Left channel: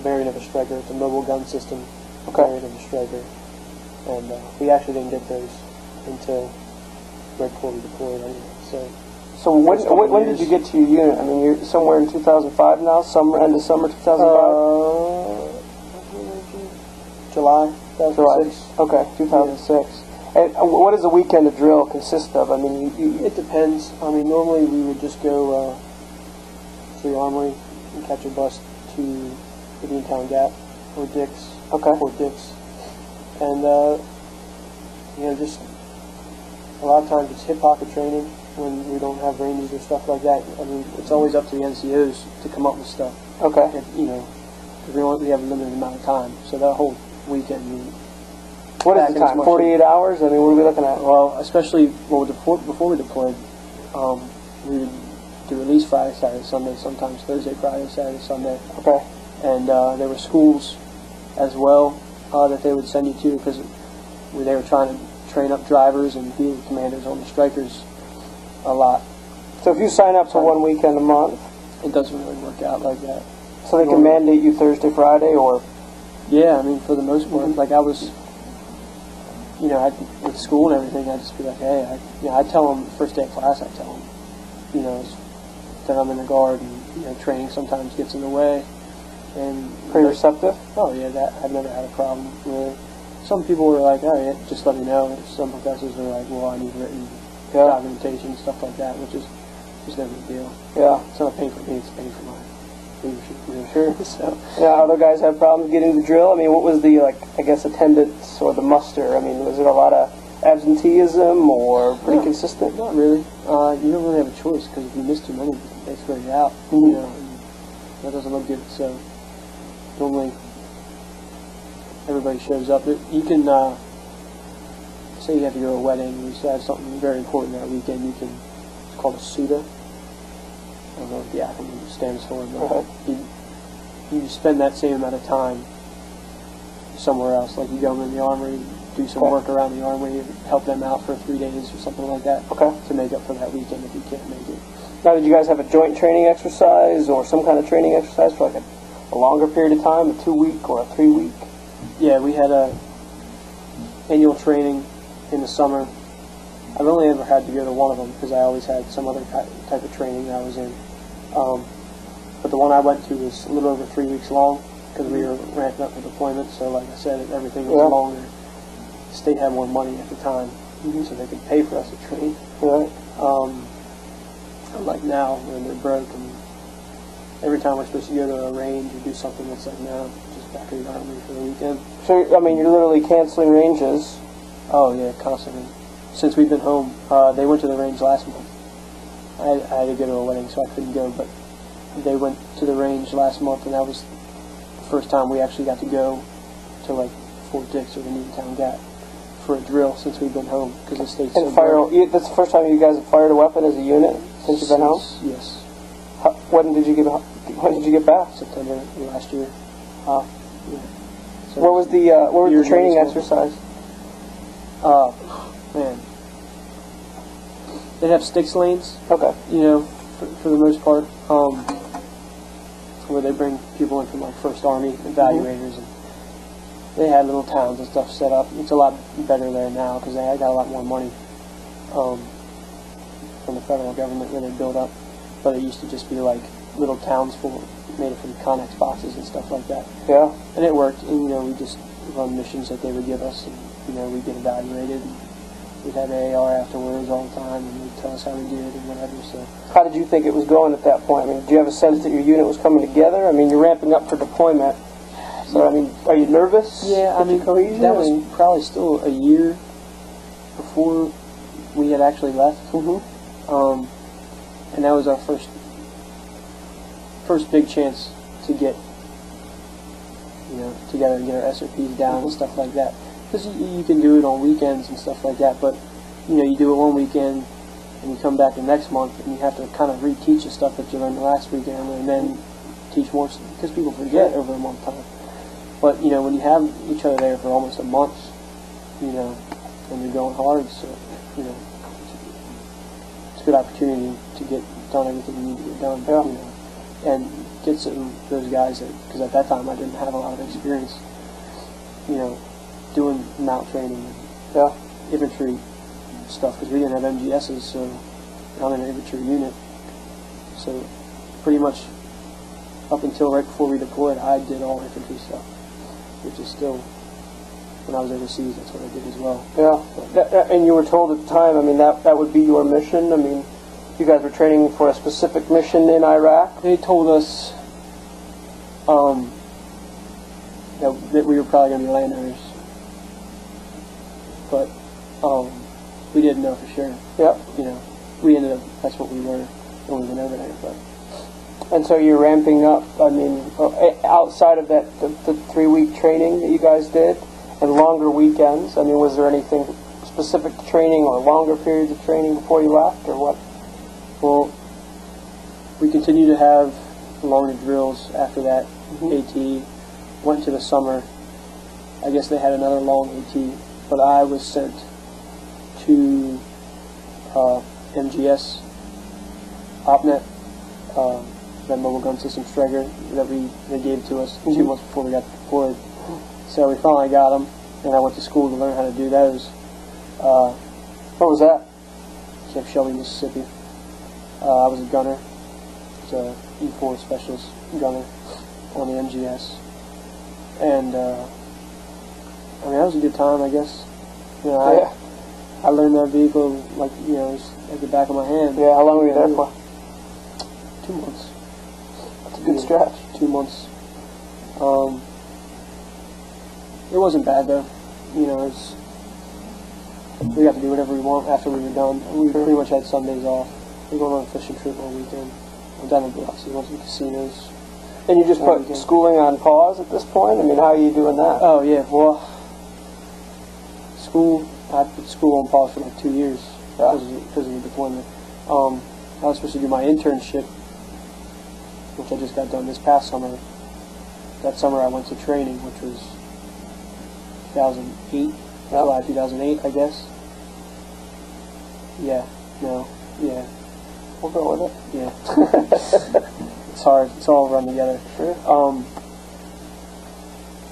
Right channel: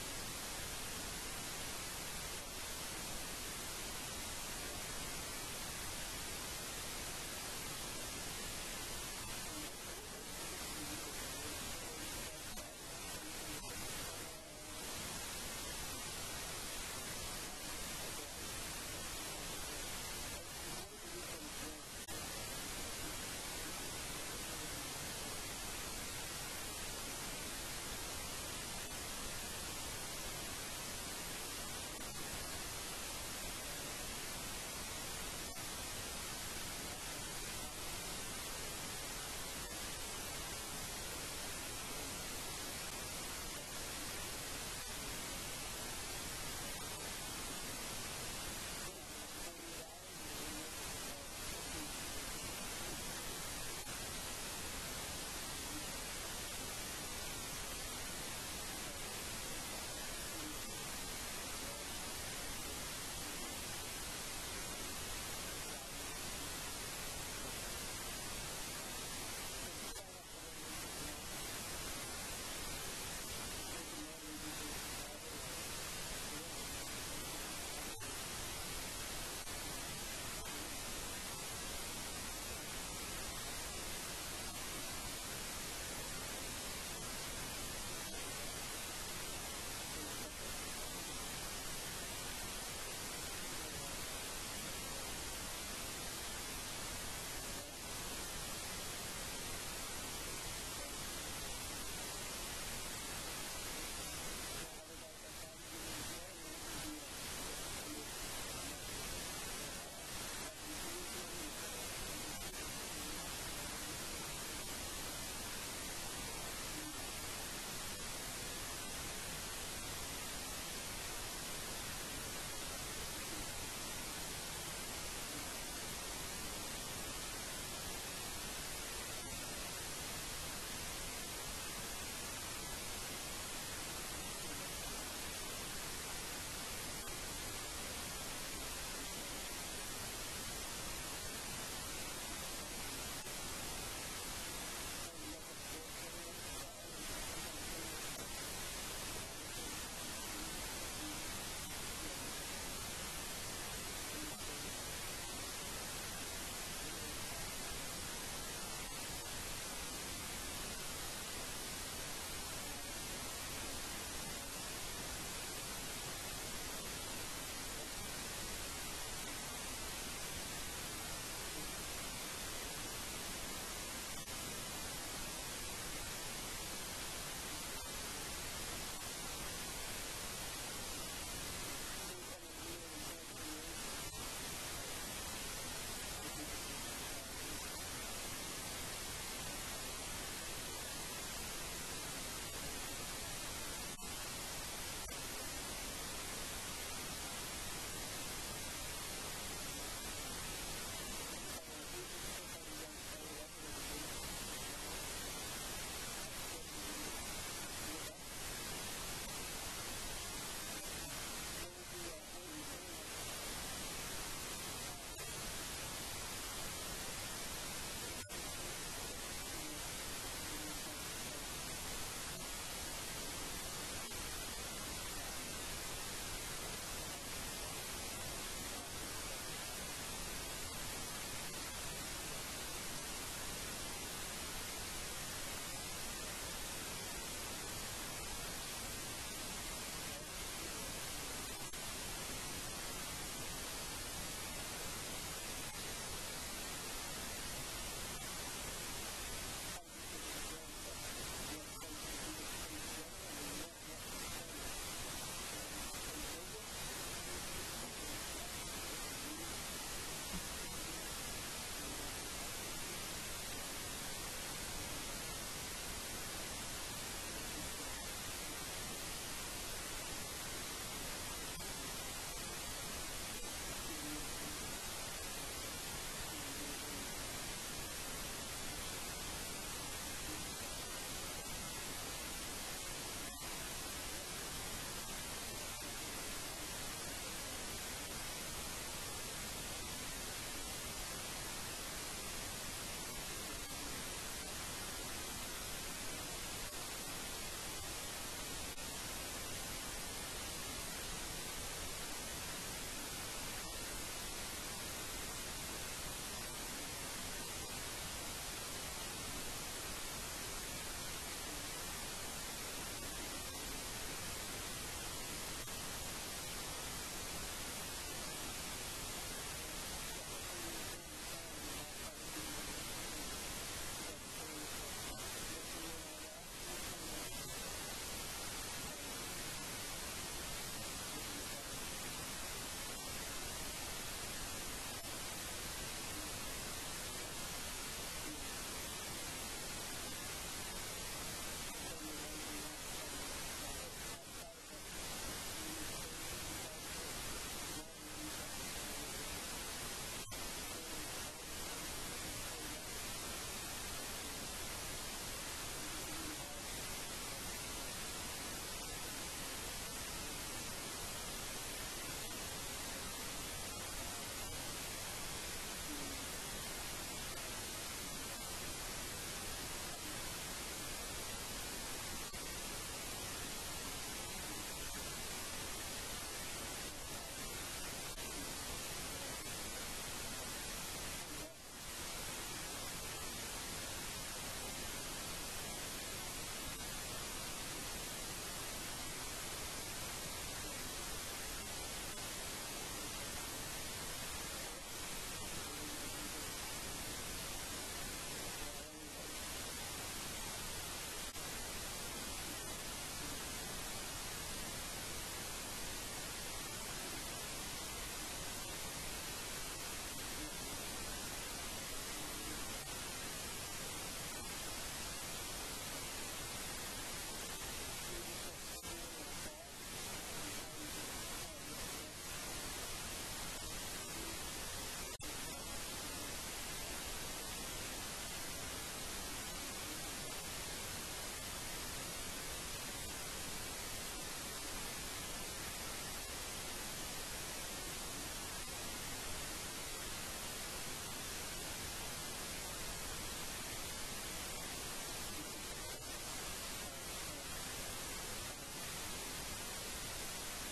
variant of a striker. It's a mobile gun system Okay. variant of a striker. And we actually didn't get those until right before we deployed anyway. So when did you get to your unit? I mean, you're somewhere in 2005 now, end of summer 2005? July 2006. Okay, 2006. And what does a weekend of drill consist of? I mean, it depends. I mean, normally we would just go to the armory and catch a bus to the Beantown Gap or Dick's. Okay. Fort Dix. And, just a lot of times it's hip pocket training when we don't have ranges or stuff like that. I mean, it's always up to the NCOs to come up with stuff. Okay. If, because we have a limited amount of time. So that whole weekend, what is the time? 48 hours? I mean, what are we looking at? Well, especially before we deployed, we would do at least Friday, Saturday, Sunday, sometimes Thursday, Friday, Saturday, Sunday. Okay. And there were schools as well that they would send you to because they were trying to train up drivers and field commanders on the strikers a lot. So if you sign up for one weekend a month, it doesn't really work out like that. So they can mandate you Thursday, Friday, or? Yeah, I mean, for the most part, like I was, with school and everything, I'd just be like, hey, I'd tell them first day of class, I'd tell them, that I'm in the guard and, training sometimes gets in the way. And pretty receptive? Oh yeah, that I've never had a problem with. Some people were like, oh yeah, just let me know. Some professors were like, well, I need written documentation, stuff like that, which is just no big deal. Yeah. It's not paying for me, it's paying for my leadership. So. Yeah, other guys have problems getting the drill. I mean, what was the, attendance or the muster? I mean, was it a lot of absenteeism or pretty consistent? Not really. You don't really have a choice because if you miss too many, they throw you out. Mm-hmm. And that doesn't look good. So normally everybody shows up. You can say you have to go to a wedding. You have something very important that weekend. It's called a SUDA. I don't know what the acronym stands for, but you spend that same amount of time somewhere else. Like you go in the armory, do some work around the armory, help them out for 3 days or something like that to make up for that weekend if you can't make it. Now, did you guys have a joint training exercise or some kind of training exercise for a longer period of time, a 2-week or a 3-week? Yeah, we had a annual training in the summer. I've only ever had to go to one of them because I always had some other type of training that I was in. But the one I went to was a little over 3 weeks long because we were ramping up for deployment. So like I said, everything was longer. The state had more money at the time, so they could pay for us to train. Unlike now, when they're broke, and every time we're supposed to go to a range and do something that's like, no, just back in the army for the weekend. So, I mean, you're literally canceling ranges. Oh, yeah, constantly. Since we've been home, they went to the range last month. I had to go to a wedding, so I couldn't go, but they went to the range last month, and that was the first time we actually got to go to, Fort Dix or the Beantown Gap for a drill since we've been home, because the state's so big. That's the first time you guys have fired a weapon as a unit since you've been home? Yes. When did you get back? September last year. Wow. Yeah. So what was the training exercise? Man. They'd have sticks lanes. Okay. For the most part, where they bring people in from First Army evaluators, and they had little towns and stuff set up. It's a lot better there now because they got a lot more money from the federal government where they build up. But it used to just be little towns made from Connex boxes and stuff like that. Yeah. And it worked. And we just run missions that they would give us, and we'd get evaluated. And we'd have AAR afterwards all the time, and they'd tell us how we did and whatever. So. How did you think it was going at that point? I mean, did you have a sense that your unit was coming together? I mean, you're ramping up for deployment. So, I mean, are you nervous? Yeah, I mean, that was probably still a year before we had actually left. And that was our first big chance to get, together and get our SOPs down and stuff like that. Because you can do it on weekends and stuff like that, but, you do it one weekend and you come back the next month and you have to kind of reteach the stuff that you learned the last weekend and then teach more, because people forget over a month time. But, when you have each other there for almost a month, and you're going hard, so, it's a good opportunity to get done everything you need to get done. and get those guys because at that time I didn't have a lot of experience, doing mount training and infantry stuff because we didn't have MGSs, so I'm in an infantry unit. So pretty much up until right before we deployed, I did all infantry stuff, which is still, when I was overseas, that's what I did as well. Yeah, and you were told at the time, I mean, that would be your mission? I mean, you guys were training for a specific mission in Iraq? They told us that we were probably going to be landowners, but we didn't know for sure. Yep. We ended up, that's what we were when we went over there. But. And so you're ramping up, I mean, outside of that, the 3-week training that you guys did, and longer weekends, I mean, was there anything specific to training or longer periods of training before you left, or what? Well, we continued to have longer drills after that. AT, went to the summer. I guess they had another long AT, but I was sent to MGS, OpNet, that mobile gun system Striker that they gave to us 2 months before we got deployed. So we finally got them, and I went to school to learn how to do those. What was that? Camp Shelby, Mississippi. I was a gunner. I was a E4 specialist gunner on the MGS. And, I mean, that was a good time, I guess. I learned that vehicle, like, at the back of my hand. Yeah, how long were you there for? 2 months. That's a good stretch. 2 months. It wasn't bad, though. We got to do whatever we want after we were done. We pretty much had Sundays off. We were going on a fishing trip all weekend. Went down to Biloxi, went to the casinos. And you just put schooling on pause at this point? I mean, how are you doing that? Oh, yeah. Well, I put school on pause for like 2 years because of the deployment. I was supposed to do my internship, which I just got done this past summer. That summer I went to training, which was 2008, July 2008, I guess. Yeah, no, yeah. We'll go with it. Yeah. It's hard. It's all run together. Sure.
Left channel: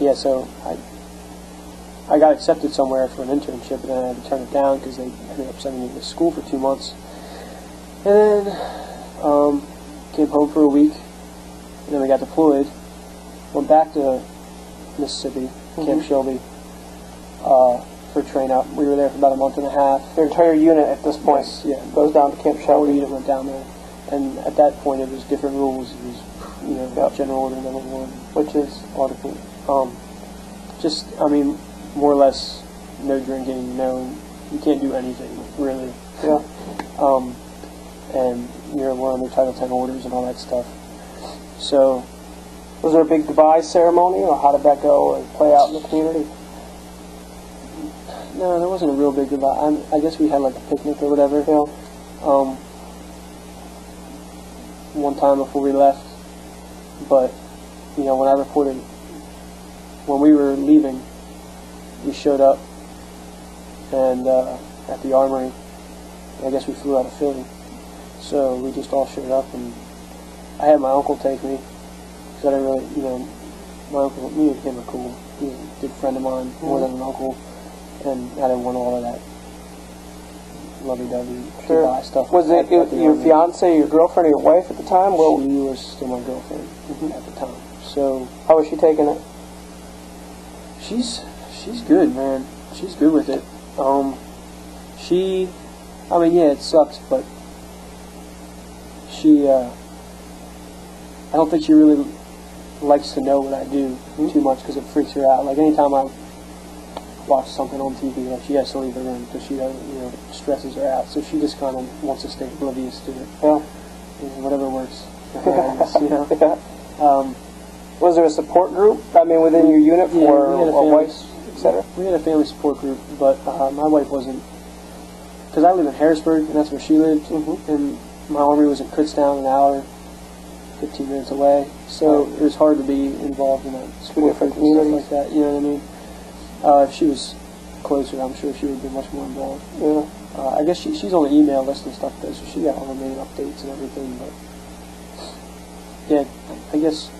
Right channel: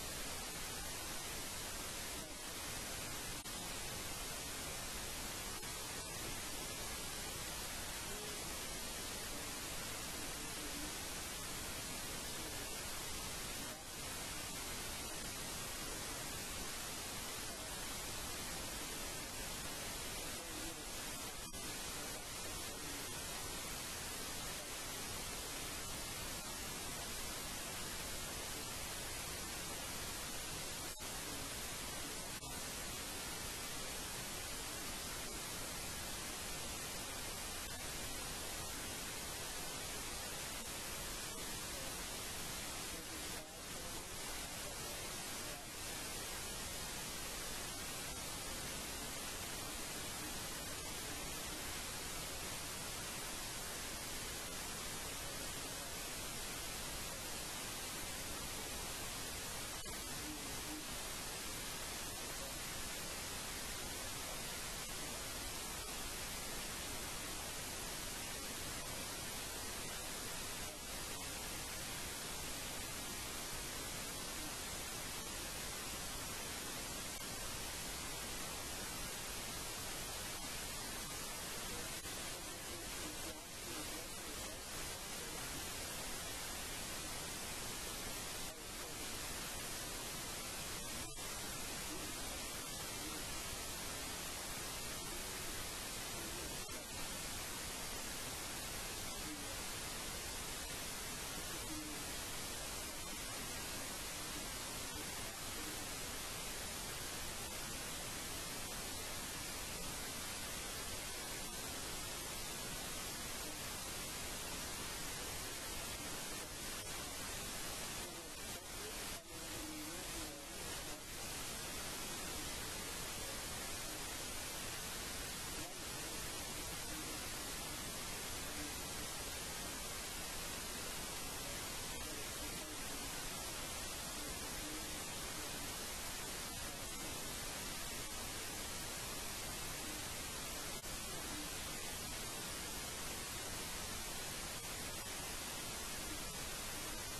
Yeah, so I got accepted somewhere for an internship, and then I had to turn it down because they ended up sending me to school for 2 months. And then came home for a week, and then we got deployed. Went back to Mississippi, Camp Shelby, for train out. We were there for about a month and a half. Your entire unit at this point goes down to Camp Shelby. The unit went down there, and at that point it was different rules. It was General Order Number 1, which is article. More or less, no drinking, you can't do anything really. Yeah. And we're under Title 10 orders and all that stuff. So, was there a big goodbye ceremony, or how did that go and play out in the community? No, there wasn't a real big goodbye. I guess we had like a picnic or whatever. One time before we left, but when I reported, when we were leaving, we showed up and at the armory. I guess we flew out of Philly, so we just all showed up, and I had my uncle take me. So I didn't really, my uncle, me and him are cool. He's a good friend of mine, more than an uncle, and I didn't want all of that lovey-dovey goodbye stuff. Was it your fiance, your girlfriend, or your wife at the time? Well, she was still my girlfriend at the time. So how was she taking it? She's good, man. She's good with it. It sucks, but I don't think she really likes to know what I do too much because it freaks her out. Like anytime I watch something on TV, like she has to leave the room because she doesn't, stresses her out. So she just kind of wants to stay oblivious to it. Yeah. Whatever works. Yeah. Was there a support group? Within your unit for wives, etc. We had a family support group, but my wife wasn't, because I live in Harrisburg, and that's where she lived, and my army was in Kutztown, an hour, 15 minutes away. So it was hard to be involved in a support group and stuff like that. You know what I mean? If she was closer, I'm sure she would be much more involved. Yeah. I guess she's on the email list and stuff, though, so she got all the main updates and everything. But yeah, I guess